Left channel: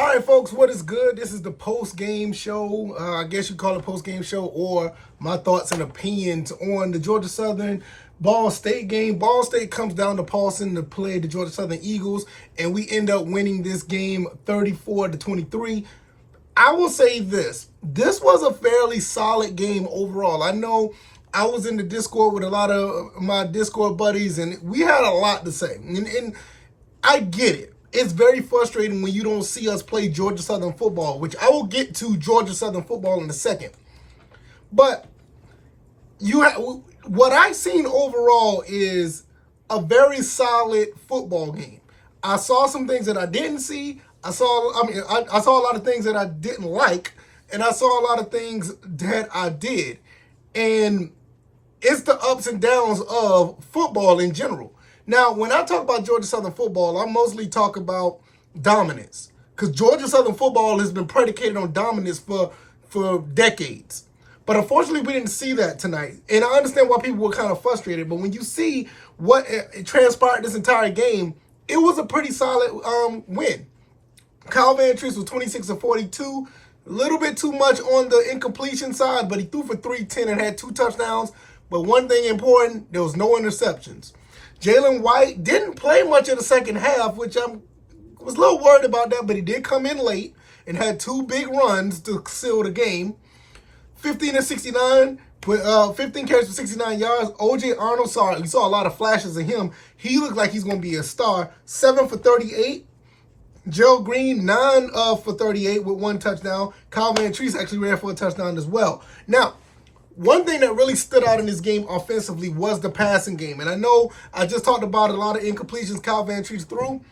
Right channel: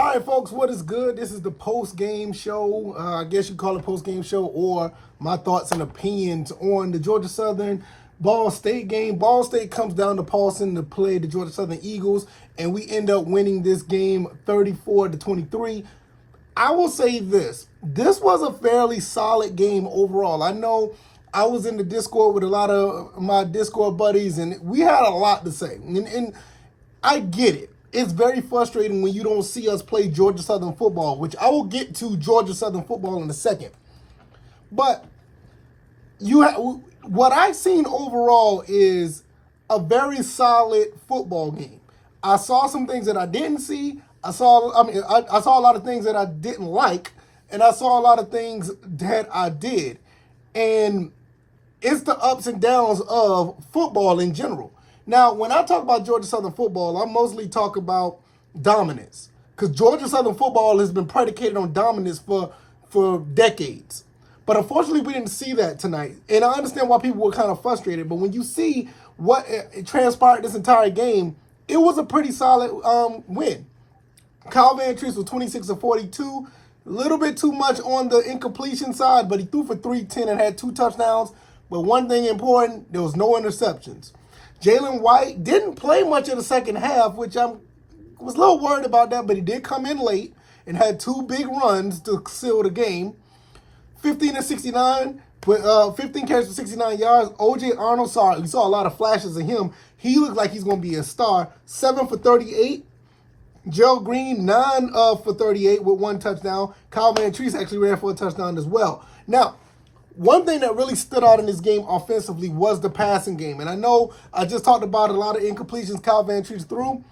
All right, folks, what is good? This is the post-game show. I guess you call it post-game show, or my thoughts and opinions on the Georgia Southern Ball State game. Ball State comes down to Paulson to play the Georgia Southern Eagles, and we end up winning this game 34-23. I will say this. This was a fairly solid game overall. I know I was in the Discord with a lot of my Discord buddies, and we had a lot to say. And I get it. It's very frustrating when you don't see us play Georgia Southern football, which I will get to Georgia Southern football in a second. But what I've seen overall is a very solid football game. I saw some things that I didn't see. I saw a lot of things that I didn't like, and I saw a lot of things that I did. And it's the ups and downs of football in general. Now, when I talk about Georgia Southern football, I mostly talk about dominance, because Georgia Southern football has been predicated on dominance for decades. But unfortunately, we didn't see that tonight. And I understand why people were kind of frustrated. But when you see what transpired this entire game, it was a pretty solid win. Kyle Van Treese was 26-42. A little bit too much on the incompletion side, but he threw for 310 and had 2 touchdowns. But one thing important, there was no interceptions. Jalen White didn't play much in the second half, which I was a little worried about that, but he did come in late and had 2 big runs to seal the game. 15-69, 15 carries for 69 yards. O.J. Arnold, you saw a lot of flashes of him. He looked like he's going to be a star. 7 for 38. Gerald Green, 9 for 38 with 1 touchdown. Kyle Van Treese actually ran for a touchdown as well. Now, one thing that really stood out in this game offensively was the passing game. And I know I just talked about a lot of incompletions Kyle Van Treese threw,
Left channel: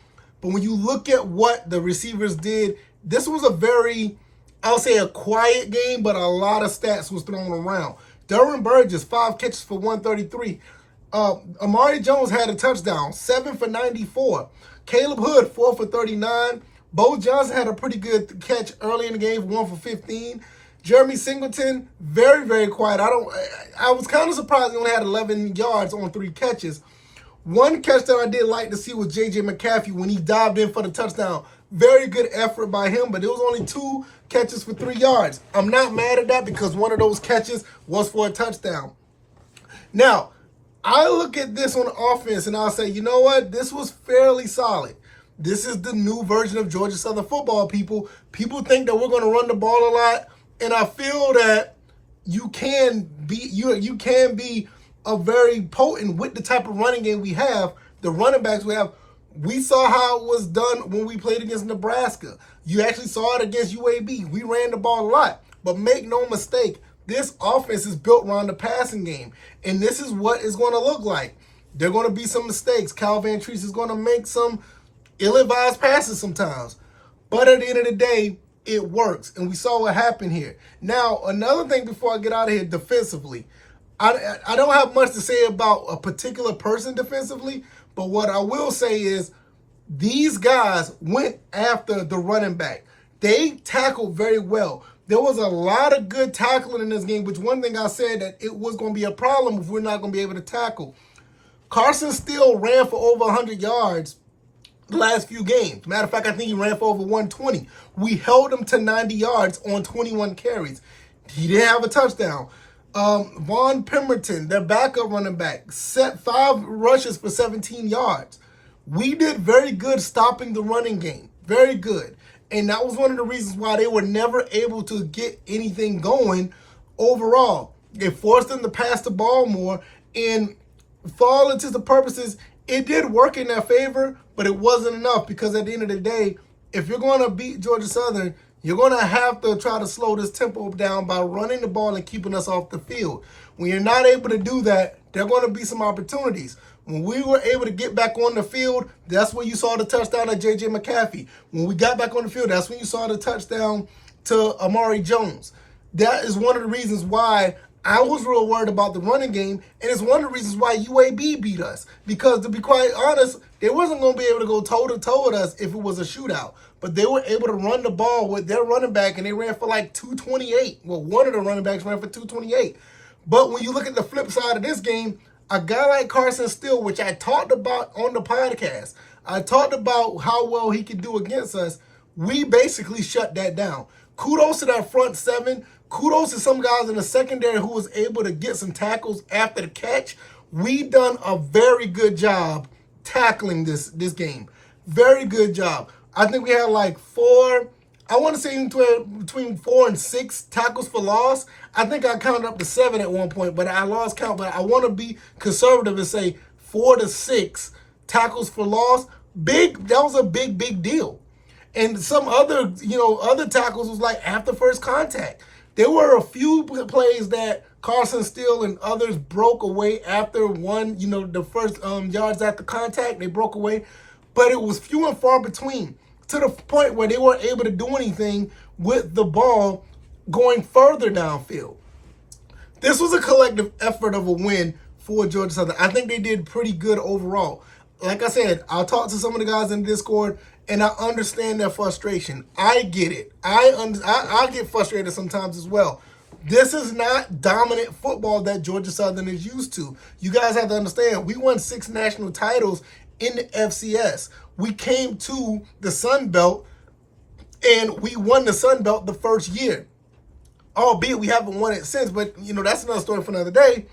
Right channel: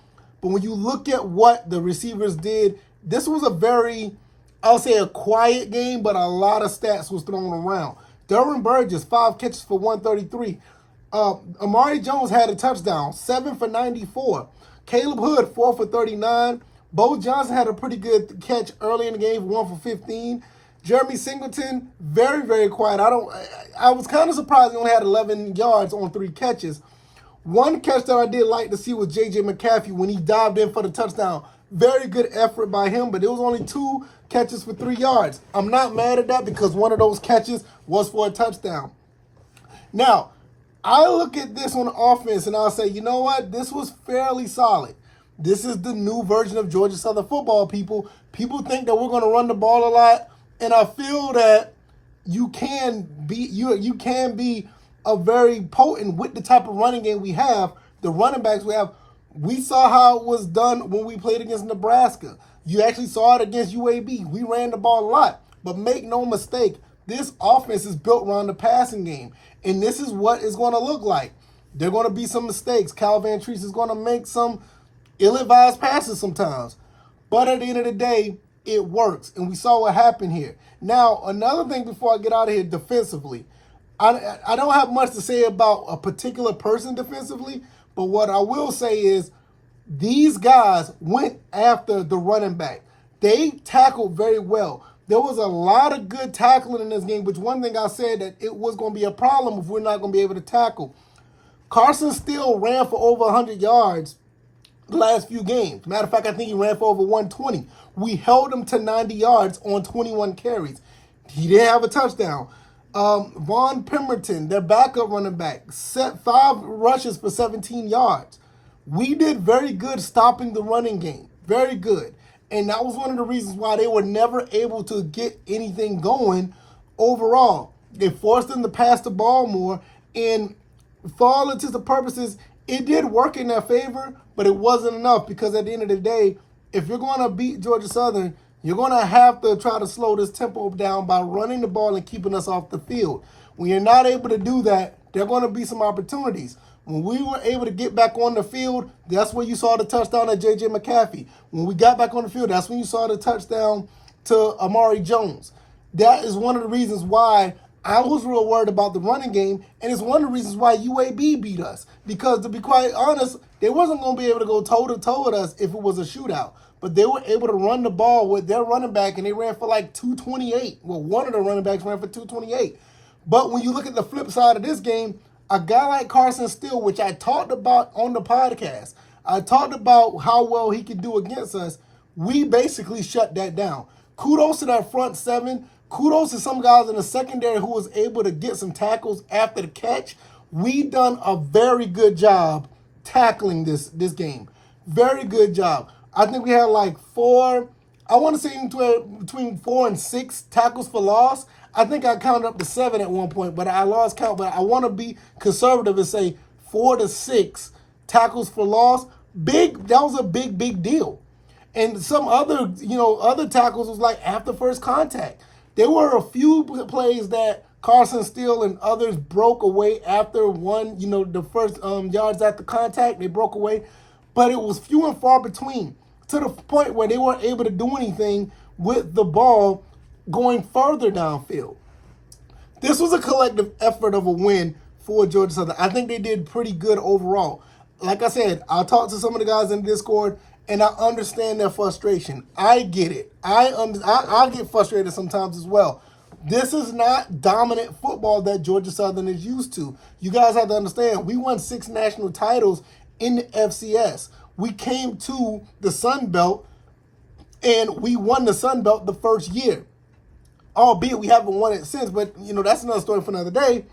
but when you look at what the receivers did, this was a very, I'll say a quiet game, but a lot of stats was thrown around. Derwin Burgess, 5 catches for 133. Amari Jones had a touchdown, 7 for 94. Caleb Hood, 4 for 39. Bo Johnson had a pretty good catch early in the game, 1 for 15. Jeremy Singleton, very, very quiet. I was kind of surprised he only had 11 yards on 3 catches. One catch that I did like to see was J.J. McCaffrey when he dived in for the touchdown. Very good effort by him, but it was only 2 catches for 3 yards. I'm not mad at that because one of those catches was for a touchdown. Now, I look at this on offense and I'll say, you know what? This was fairly solid. This is the new version of Georgia Southern football, people. People think that we're going to run the ball a lot. And I feel that you can be a very potent with the type of running game we have, the running backs we have. We saw how it was done when we played against Nebraska. You actually saw it against UAB. We ran the ball a lot. But make no mistake, this offense is built around the passing game. And this is what it's going to look like. There are going to be some mistakes. Kyle Van Treese is going to make some ill-advised passes sometimes. But at the end of the day, it works, and we saw what happened here. Now, another thing before I get out of here defensively, I don't have much to say about a particular person defensively, but what I will say is these guys went after the running back. They tackled very well. There was a lot of good tackling in this game, which one thing I said that it was going to be a problem if we're not going to be able to tackle. Carson Steele ran for over 100 yards the last few games. Matter of fact, I think he ran for over 120. We held him to 90 yards on 21 carries. He didn't have a touchdown. Vaughn Pemberton, their backup running back, set 5 rushes for 17 yards. We did very good stopping the running game. Very good. And that was one of the reasons why they were never able to get anything going overall. They forced them to pass the ball more. And for all intents and purposes, it did work in their favor, but it wasn't enough because at the end of the day, if you're going to beat Georgia Southern, you're going to have to try to slow this tempo down by running the ball and keeping us off the field. When you're not able to do that, there are going to be some opportunities. When we were able to get back on the field, that's when you saw the touchdown at J.J. McCaffrey. When we got back on the field, that's when you saw the touchdown to Amari Jones. That is one of the reasons why I was real worried about the running game, and it's one of the reasons why UAB beat us. Because to be quite honest, they wasn't going to be able to go toe-to-toe with us if it was a shootout. But they were able to run the ball with their running back, and they ran for like 228. Well, one of the running backs ran for 228. But when you look at the flip side of this game, a guy like Carson Steele, which I talked about on the podcast, I talked about how well he could do against us. we basically shut that down. Kudos to that front seven. Kudos to some guys in the secondary who was able to get some tackles after the catch. We done a very good job tackling this game. Very good job. I think we had like I want to say between 4 and 6 tackles for loss. I think I counted up to 7 at one point, but I lost count. But I want to be conservative and say 4 to 6 tackles for loss. That was a big deal. And some other tackles was like after first contact. There were a few plays that Carson Steele and others broke away after the first yards after contact. They broke away, but it was few and far between, to the point where they weren't able to do anything with the ball going further downfield. This was a collective effort of a win for Georgia Southern. I think they did pretty good overall. Like I said, I'll talk to some of the guys in Discord, and I understand their frustration. I get it. I get frustrated sometimes as well. This is not dominant football that Georgia Southern is used to. You guys have to understand, we won 6 national titles in the FCS. We came to the Sun Belt, and we won the Sun Belt the first year. Albeit we haven't won it since, but that's another story for another day.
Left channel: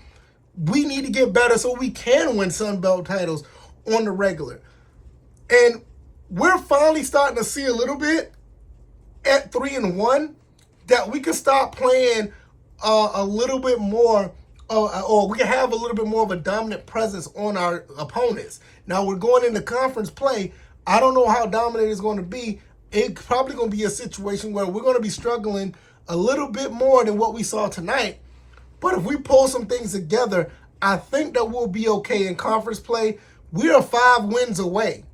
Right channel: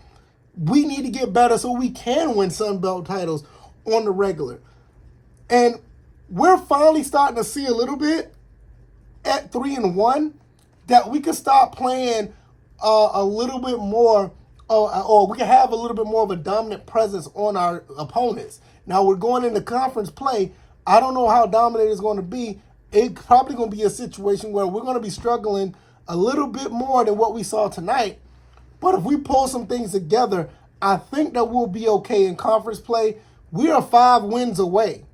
We need to get better so we can win Sun Belt titles on the regular. And we're finally starting to see a little bit at 3-1 that we can start playing a little bit more, or we can have a little bit more of a dominant presence on our opponents. Now we're going into conference play. I don't know how dominant it's going to be. It's probably going to be a situation where we're going to be struggling a little bit more than what we saw tonight. But if we pull some things together, I think that we'll be okay in conference play. We are 5 wins away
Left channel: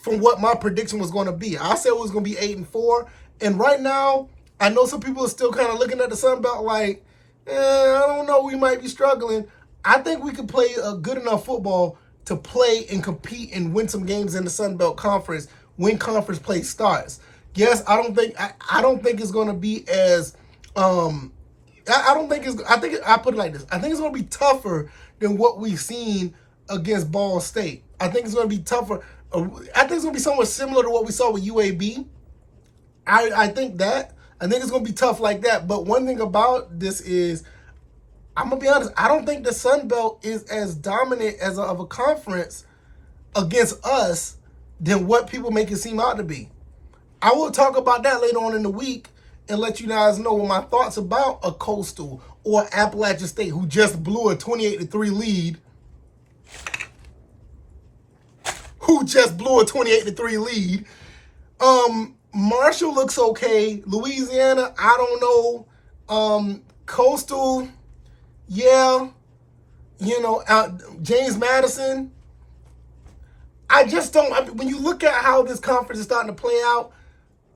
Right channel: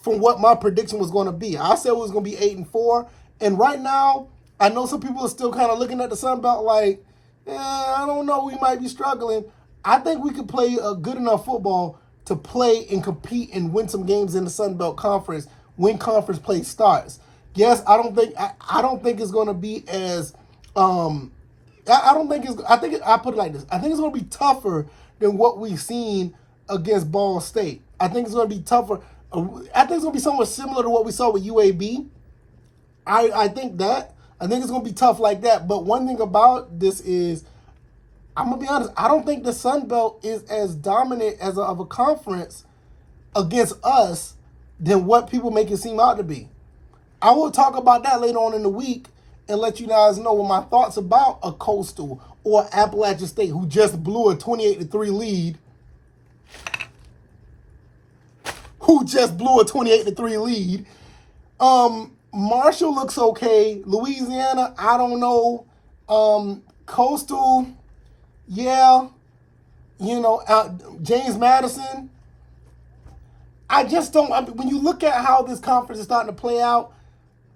from what my prediction was going to be. I said it was going to be 8-4. And right now, I know some people are still kind of looking at the Sun Belt like, I don't know, we might be struggling. I think we could play a good enough football to play and compete and win some games in the Sun Belt Conference when conference play starts. Yes, I don't think it's going to be as I put it like this. I think it's going to be tougher than what we've seen against Ball State. I think it's going to be tougher. I think it's going to be somewhat similar to what we saw with UAB. I think it's going to be tough like that. But one thing about this is, I'm going to be honest, I don't think the Sun Belt is as dominant of a conference against us than what people make it seem out to be. I will talk about that later on in the week and let you guys know my thoughts about a Coastal or Appalachian State, who just blew a 28-3 lead. Marshall looks okay. Louisiana, I don't know. Coastal, yeah. James Madison. I just don't. When you look at how this conference is starting to play out,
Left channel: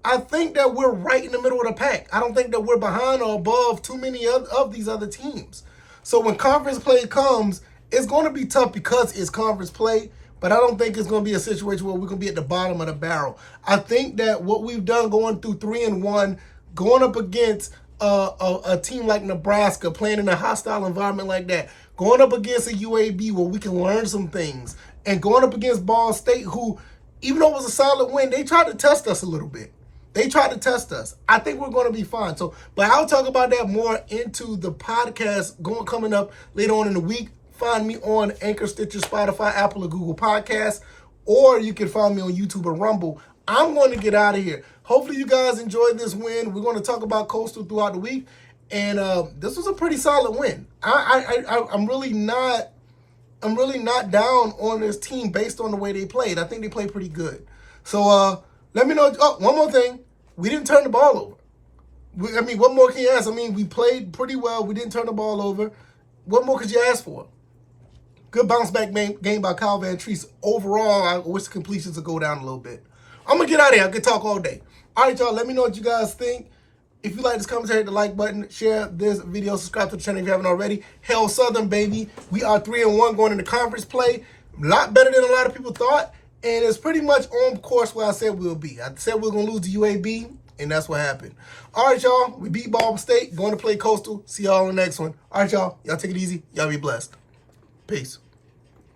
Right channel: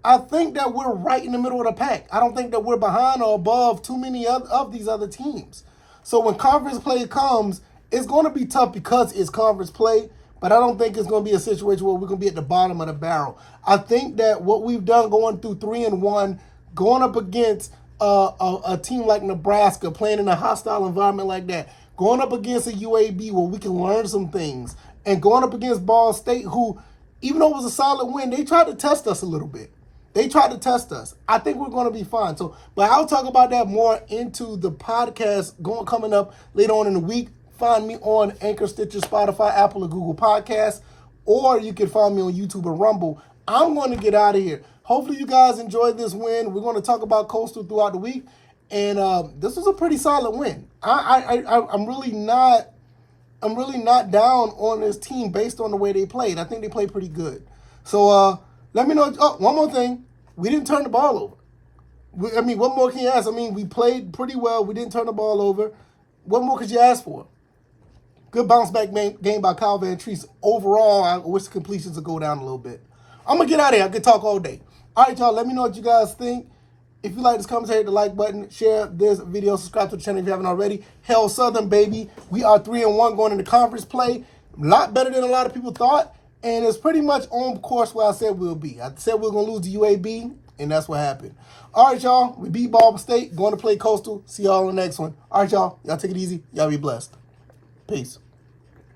I think that we're right in the middle of the pack. I don't think that we're behind or above too many of these other teams. So when conference play comes, it's going to be tough because it's conference play, but I don't think it's going to be a situation where we're going to be at the bottom of the barrel. I think that what we've done going through 3-1, going up against a team like Nebraska, playing in a hostile environment like that, going up against a UAB where we can learn some things, and going up against Ball State, who, even though it was a solid win, they tried to test us a little bit. They tried to test us. I think we're going to be fine. But I'll talk about that more into the podcast coming up later on in the week. Find me on Anchor, Stitcher, Spotify, Apple, or Google Podcasts, or you can find me on YouTube or Rumble. I'm going to get out of here. Hopefully you guys enjoyed this win. We're going to talk about Coastal throughout the week, and this was a pretty solid win. I'm really not down on this team based on the way they played. I think they played pretty good. So let me know. Oh, one more thing. We didn't turn the ball over. What more can you ask? We played pretty well. We didn't turn the ball over. What more could you ask for? Good bounce back game by Kyle Van Treese. Overall, I wish the completions would go down a little bit. I'm going to get out of here. I could talk all day. All right, y'all. Let me know what you guys think. If you like this commentary, hit the like button. Share this video. Subscribe to the channel if you haven't already. Hell Southern, baby. We are 3-1 going into conference play. A lot better than a lot of people thought. And it's pretty much on course where I said we'll be. I said we were going to lose to UAB, and that's what happened. All right, y'all. We beat Ball State. Going to play Coastal. See y'all on the next one. All right, y'all. Y'all take it easy. Y'all be blessed. Peace.